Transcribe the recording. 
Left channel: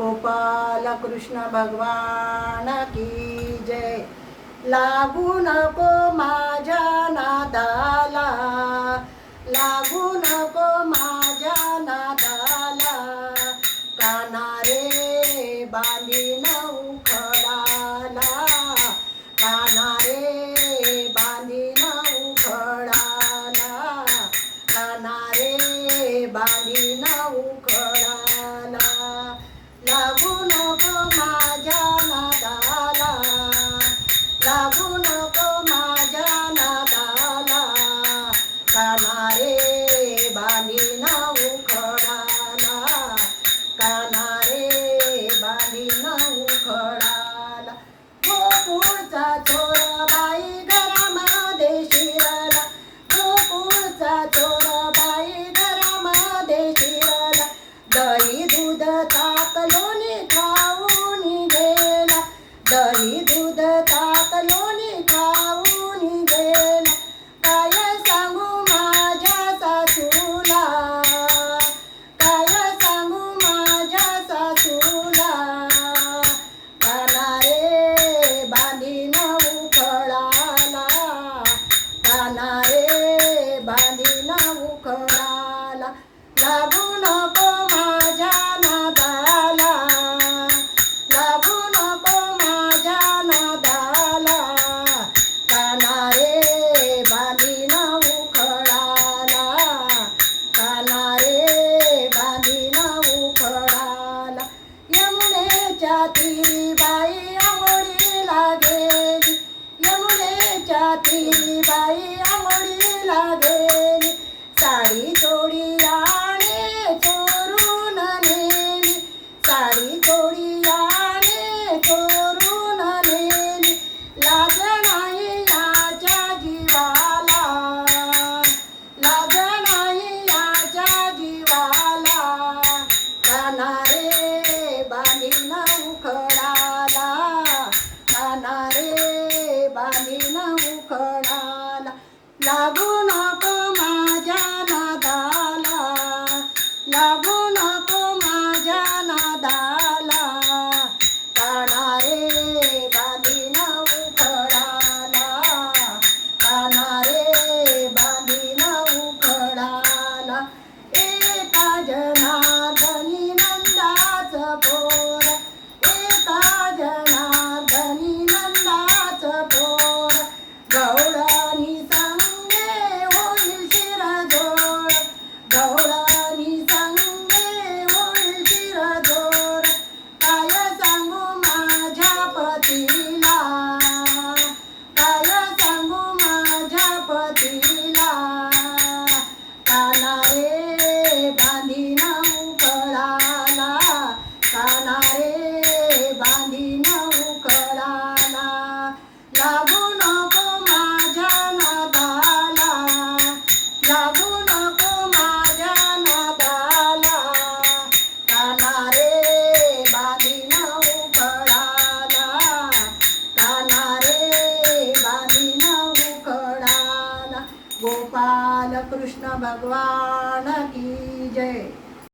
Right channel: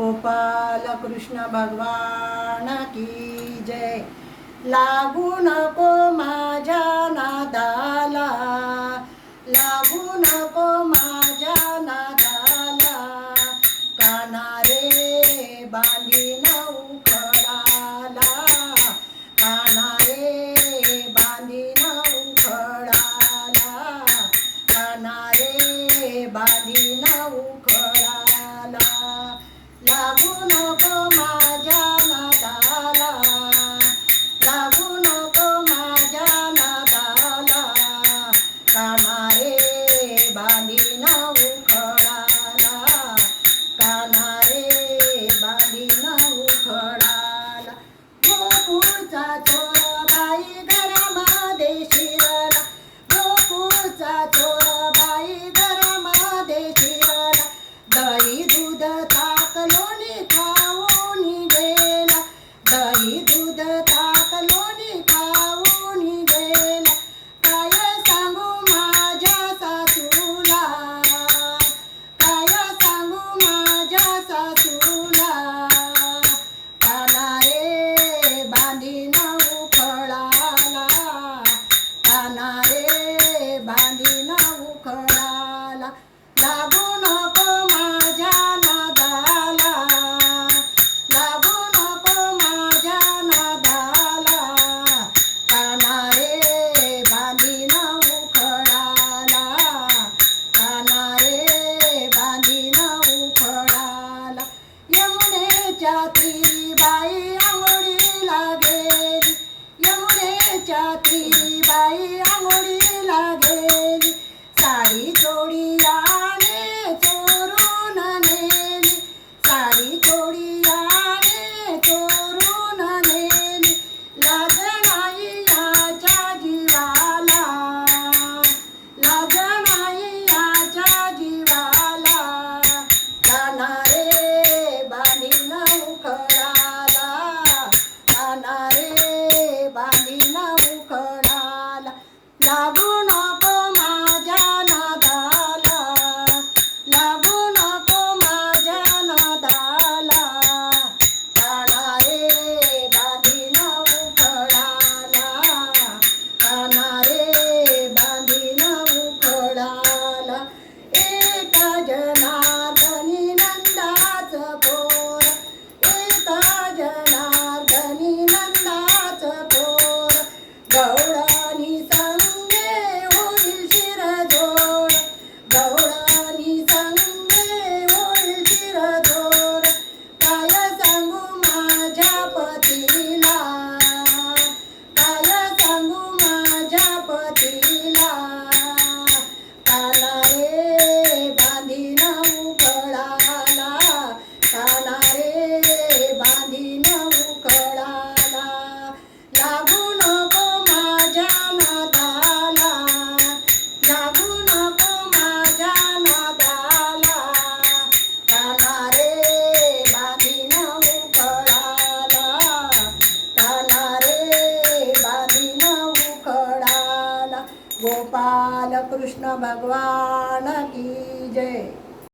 गोपाल कृष्ण भगवान की जय। लागू नको माझ्या नादाला, लागू नको माझ्या नादाला, काना रे बांधीन उखळाला, काना रे बांधीन उखळाला, काना रे बांधीन उखळाला। लागू नको माझ्या नादाला, लागू नको माझ्या नादाला, काना रे बांधीन उखळाला, काना रे बांधीन उखळाला। गोकुळचा चोर बाई घरामध्ये शिरला, गोकुळचा चोर बाई घरामध्ये शिरला, दही दूध ताक लोणी खाऊन गेला, दही दूध ताक लोणी खाऊन गेला। काय सांगू माझ्या सासूला, काय सांगू माझ्या सासूला, काना रे बांधीन उखळाला, काना रे बांधीन उखळाला। लागू नको माझ्या नादाला, लागू नको माझ्या नादाला, काना रे बांधीन उखळाला, काना रे बांधीन उखळाला। यमुनेच्या तीरी बाई आंघोळीला गेली, यमुनेच्या तीरी बाई आंघोळीला गेली, साडी चोळी आणे चोरून नेली, साडी चोळी आणे चोरून नेली। लाज नाही याच्या जीवाला, लाज नाही याच्या जीवाला, काना रे बांधीन उखळाला, काना रे बांधीन उखळाला। लागू नको माझ्या नादाला, लागू नको माझ्या नादाला, काना रे बांधीन उखळाला, काना रे बांधीन उखळाला। एका जनार्दनी नंदाच पोर, एका जनार्दनी नंदाच पोर, गवळणी संगे होईल शिरजोड, गवळणी संगे होईल शिरजोड। काय सांगू माझ्या पतीला, काय सांगू माझ्या पतीला, काना रे बांधीन उखळाला, काना रे बांधीन उखळाला। लागू नको माझ्या नादाला, लागू नको माझ्या नादाला, काना रे बांधीन उखळाला, काना रे बांधीन उखळाला। गोपाल कृष्ण भगवान की जय।